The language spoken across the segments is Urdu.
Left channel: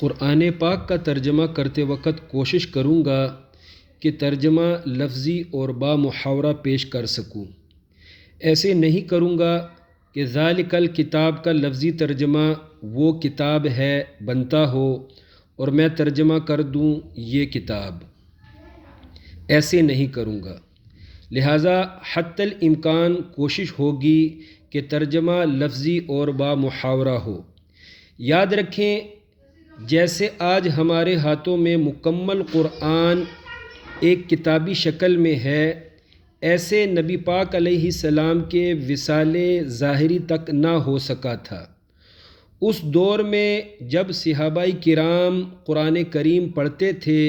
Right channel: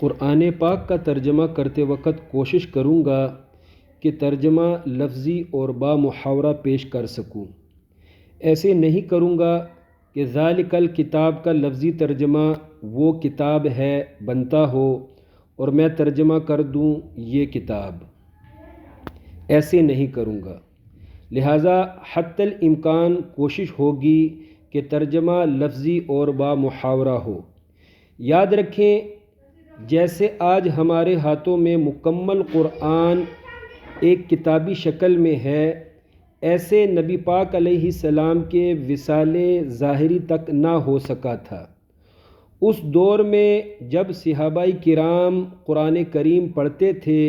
قرآن پاک کا ترجمہ کرتے وقت کوشش کروں گا کہ ترجمہ لفظی اور با محاورہ پیش کر سکوں۔ ایسے نہیں کروں گا کہ ذالک الکتاب کا لفظی ترجمہ وہ کتاب ہے بنتا ہو اور میں ترجمہ کر دوں یہ کتاب۔ ایسے نہیں کروں گا، لہٰذا حتی الامکان کوشش ہوگی کہ ترجمہ لفظی اور با محاورہ ہو۔ یاد رکھیں، جیسے آج ہمارے ہاتھوں میں مکمل قرآن ایک کتابی شکل میں ہے، ایسے نبی پاک علیہ السلام کے وصال ظاہری تک نہ ہو سکا تھا۔ اس دور میں جب صحابہ کرام قرآن کریم پڑھتے تھے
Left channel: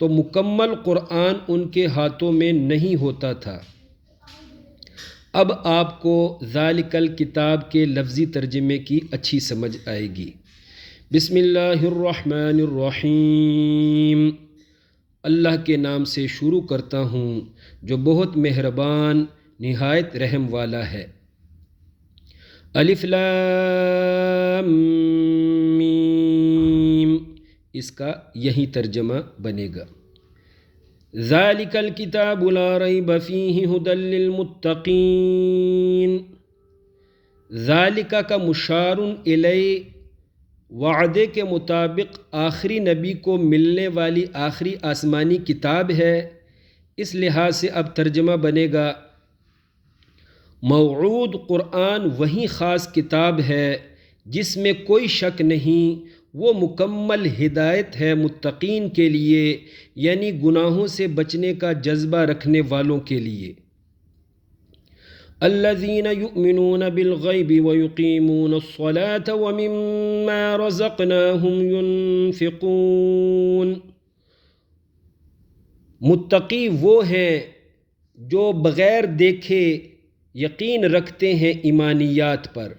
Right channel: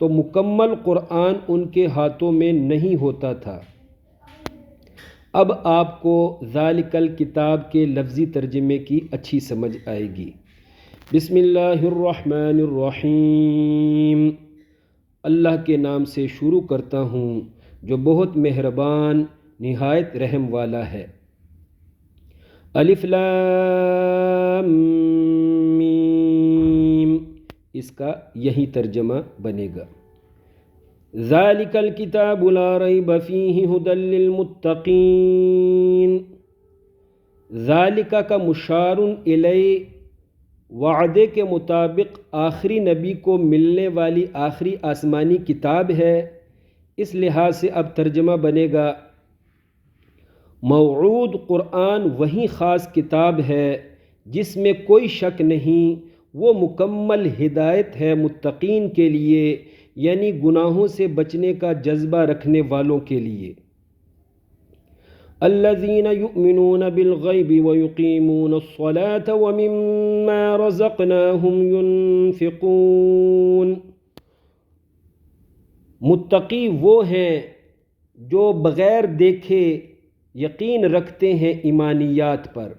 تو مکمل قرآن ان کے ہاتھوں میں نہیں ہوتا تھا۔ اب آپ کو ذالک الکتاب کے لفظی ترجمے کی اچھی سمجھ آئے گی۔ بسم اللہ الرحمن الرحیم۔ اللہ کے نام سے شروع کرتا ہوں جو بہت مہربان نہایت رحم والا ہے۔ الف لام میم، اس کا یہی ترجمہ بنے گا۔ ذالک الکتاب لا ریب فیہ ھدی للمتقین۔ ذالک کا مشار الیہ وعدے کے مطابق آخری نبی کو ملنے والی آخری آسمانی کتاب ہے، اس لحاظ سے اب ترجمہ بنے گا موعود قرآن وہی خاص کتاب ہے جس میں کوئی شک نہیں، وہ مکمل ہدایت ہے متقین کے لیے، یعنی گناہوں سے بچنے کا جذبہ رکھنے والوں کے لیے۔ الذین یؤمنون بالغیب ویقیمون الصلاة ومما رزقناہم ینفقون۔ متقی وہ ہیں جو بغیر دیکھے یقین رکھتے ہیں ایمانیات پر،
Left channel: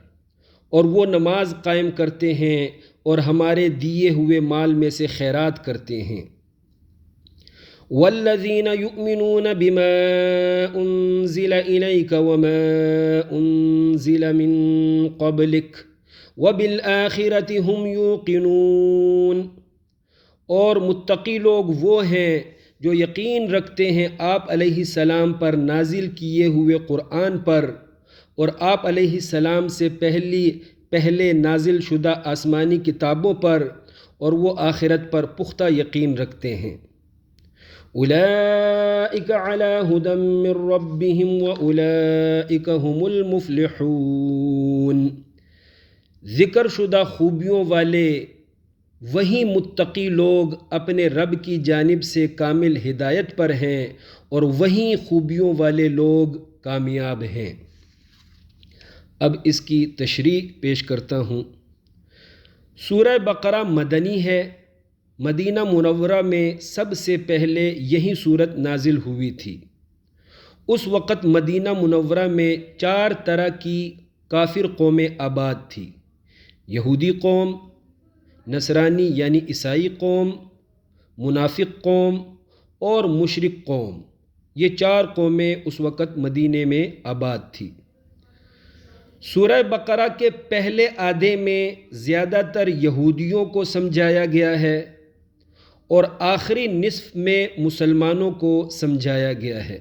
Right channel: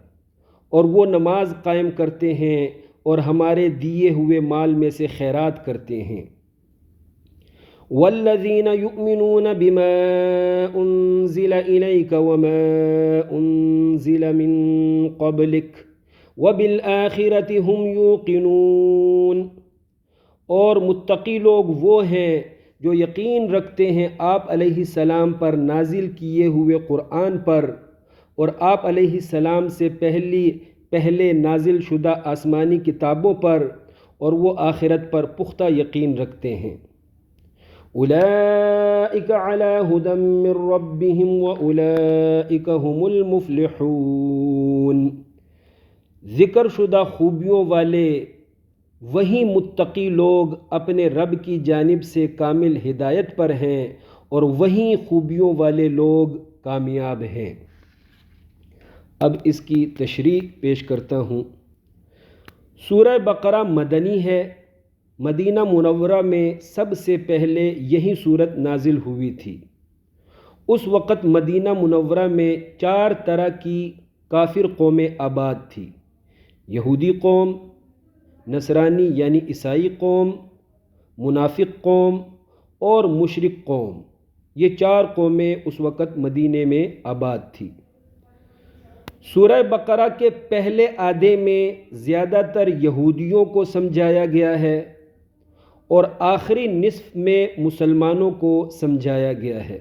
اور وہ نماز قائم کرتے ہیں اور ہمارے دیے ہوئے مال میں سے خیرات کرتے ہیں۔ والذین یؤمنون بما انزل الیک وما انزل من قبلک وبالآخرۃ ھم یوقنون۔ اور متقی لوگ وہ ہیں جو یقین رکھتے ہیں آپ علیہ السلام پر نازل کیے ہوئے قرآن پر اور آپ علیہ السلام سے پہلے نازل شدہ آسمانی کتابوں پر، اور وہ آخرت پر پختہ یقین رکھتے ہیں۔ اولئک علی ھدی من ربہم واولئک ھم المفلحون۔ ذکر شدہ خوبیوں والے وہی متقی لوگ اپنے رب کی جانب سے کامل ہدایت پر ہیں، اور وہی خوبیوں والے لوگ کامیاب ہیں۔ اب اس کی تشریح پیش کرتا ہوں۔ سورہ بقرہ مدنی ہے۔ مدینہ منورہ میں سب سے پہلے یہی صورت نازل ہوئی تھی۔ اس وقت مدینہ منورہ میں 4 طرح کی کافر قومیں آباد تھی: یہودی قوم، نصرانی یعنی عیسائی قوم، منافق قوم اور مشرک قوم۔ یہ 4 قومیں اس وقت مدینے میں آباد تھی۔ سورہ بقرہ کے پہلے آدھے میں زیادہ تر یہودیوں کو سمجھایا گیا ہے، اور آخری نصف میں مسلمانوں کو سمجھایا گیا ہے۔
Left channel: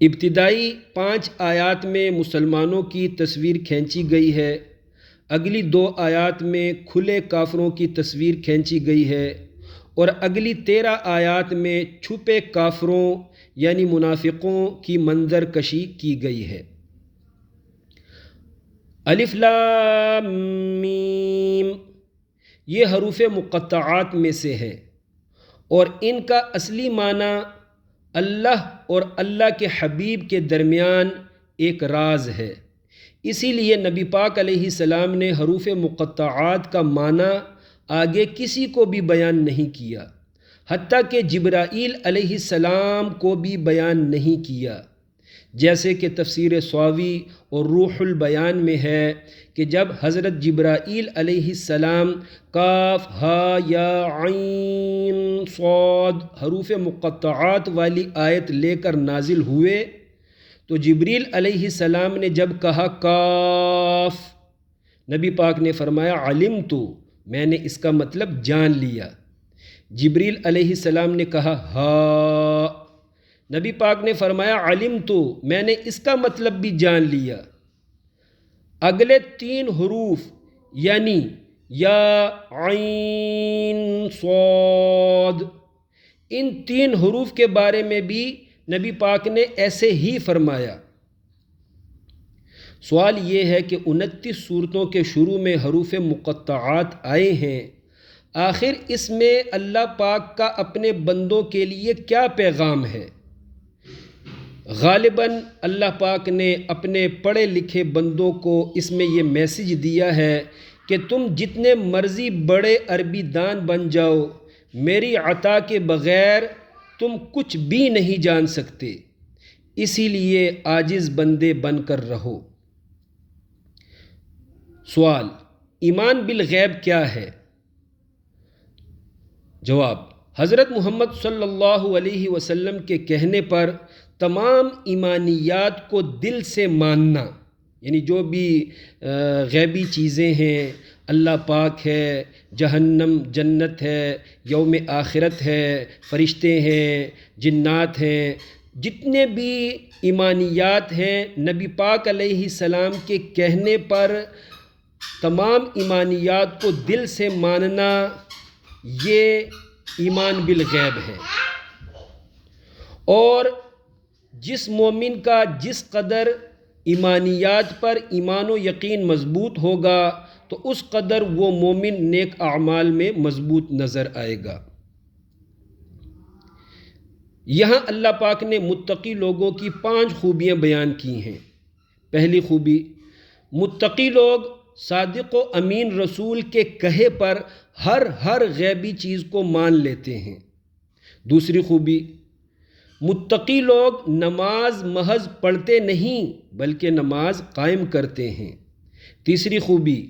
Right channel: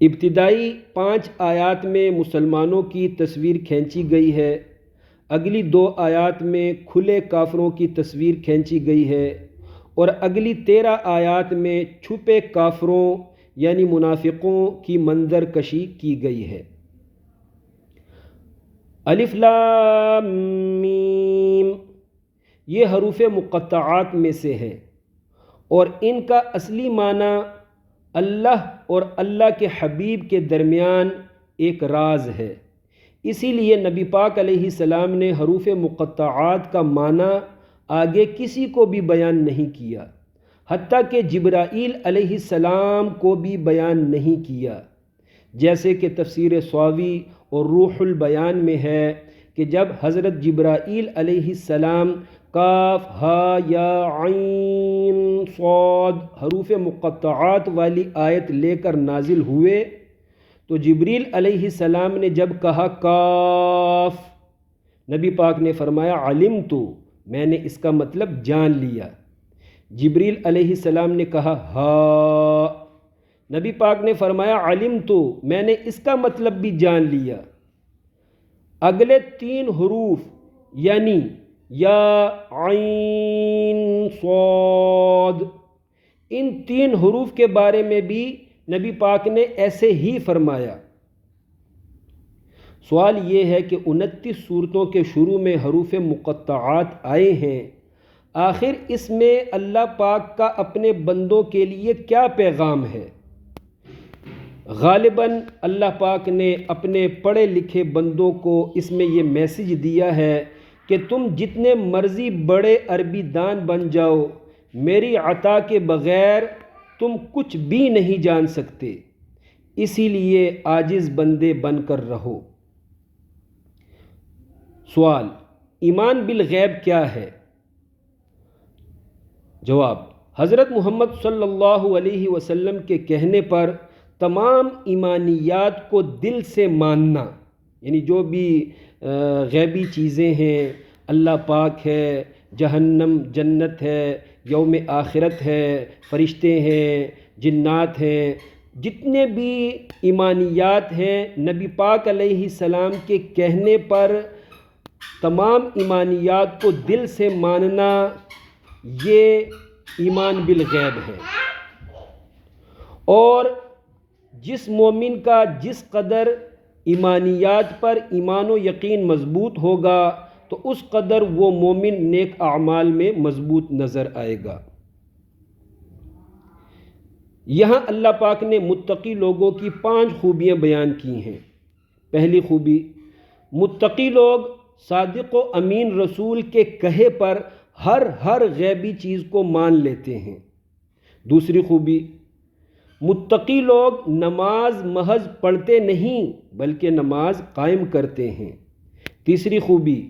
ابتدائی 5 آیات میں مسلمانوں کی تصویر کھینچی گئی ہے، اگلی 2 آیات میں کھلے کافروں کی تصویر کھینچی گئی ہے، اور اگلی 13 آیات میں چھپے کافروں یعنی منافقوں کی منظر کشی کی گئی ہے۔ الف لام میم، یہ حروف مقطعات میں سے ہے، اور ان کا اصلی معنی اللہ اور اللہ کے حبیب کے درمیان ایک راز ہے۔ اسی لیے نبی پاک علیہ السلام نے حروف مقطعات کا معنی آگے کسی کو بھی بیان نہیں کیا، حتیٰ کہ جبرائیل علیہ السلام کو بھی بیان نہیں کیا، جیسے کہ تفسیر صاوی اور روح البیان میں ہے کہ جب حضرت جبرائیل علیہ السلام کاف ہا یا عین صاد حروف مقطعات والی آیت لے کر نازل ہوئے تو جبریل علیہ السلام نے جب کہا کاف، نبی پاک نے فرمایا علمت، میں نے اس کا مطلب جان لیا۔ جبریل علیہ السلام نے کہا ہاں، نبی پاک نے فرمایا علمت، میں نے اس کا مطلب بھی جان لیا۔ اگلے 3 حروف یعنی یا عین صاد، ان 3 حروف کے بارے میں بھی نبی پاک نے ایسے ہی فرمایا۔ سوال یہ ہے کہ 29 سورتوں کے شروع میں حروف مقطعات آئے ہیں، آخر اس میں اللہ پاک کا اپنے بندوں کے لیے کیا پیغام ہے؟ غالباً اللہ پاک نے اپنے پڑھے لکھے بندوں کو اس میں یہ میسج دیا ہے کہ تم جتنے مرضی بڑے عربی دان بن جاؤ، میری عطا کے بغیر تم کچھ بھی نہیں جان سکتے، اسی لیے عاجز بندے بن کر رہو۔ سوال، ایمان بالغیب کیا ہے؟ جواب، حضرت محمد صلی اللہ علیہ وسلم کے کہنے پر تمام ایمانیات کو دل سے ماننا، یعنی جو بھی غیبی چیزیں ہیں، اللہ پاک ہے، جہنم جنت ہے، یوم آخرت ہے، فرشتے ہیں، جنات ہیں، جتنے بھی ایمانیات ہیں نبی پاک علیہ السلام کے کہنے پر تمام ایمانیات کو دل سے ماننا، یہ ایمان بالغیب ہے۔ اور جس مومن کا جس قدر ایمانیات پر ایمان و یقین مضبوط ہوگا تو اس قدر وہ مومن نیک اعمال میں مضبوط نظر آئے گا۔ یہاں اللہ پاک نے متقی لوگوں کی 5 خوبیاں بیان کی ہیں۔ پہلی خوبی، متقی لوگ صادق و امین رسول کے کہے پر ہر غیبی چیز کو مان لیتے ہیں۔ دوسری خوبی، متقی لوگ نماز محض پڑھتے نہیں بلکہ نماز قائم کرتے ہیں۔ تیسری خوبی،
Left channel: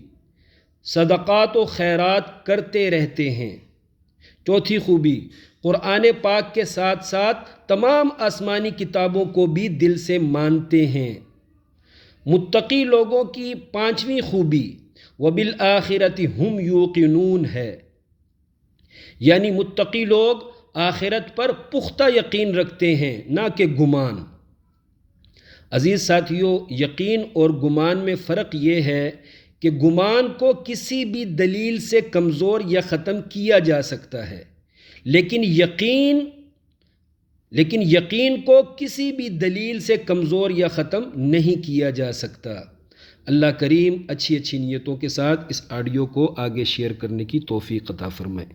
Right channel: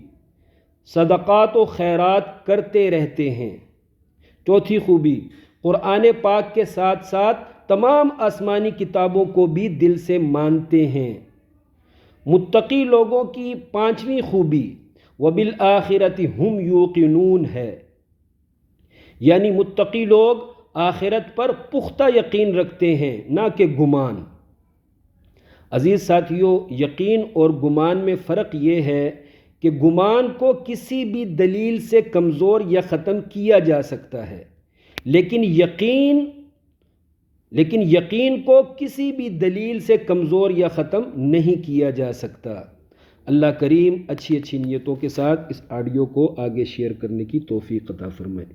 صدقات و خیرات کرتے رہتے ہیں۔ چوتھی خوبی، قرآن پاک کے ساتھ ساتھ تمام آسمانی کتابوں کو بھی دل سے مانتے ہیں۔ متقی لوگوں کی 5ویں خوبی، وَبِالْآخِرَةِ هُمْ يُوقِنُونَ ہے، یعنی متقی لوگ آخرت پر پختہ یقین رکھتے ہیں، نہ کہ گمان۔ عزیز ساتھیو، یقین اور گمان میں فرق یہ ہے کہ گمان کو کسی بھی دلیل سے کمزور یا ختم کیا جا سکتا ہے، لیکن یقین کو کسی بھی دلیل سے کمزور یا ختم نہیں کیا جا سکتا۔ اللہ کریم اچھی نیتوں کے ساتھ اس آڈیو کو آگے شیئر کرنے کی توفیق عطا فرمائے۔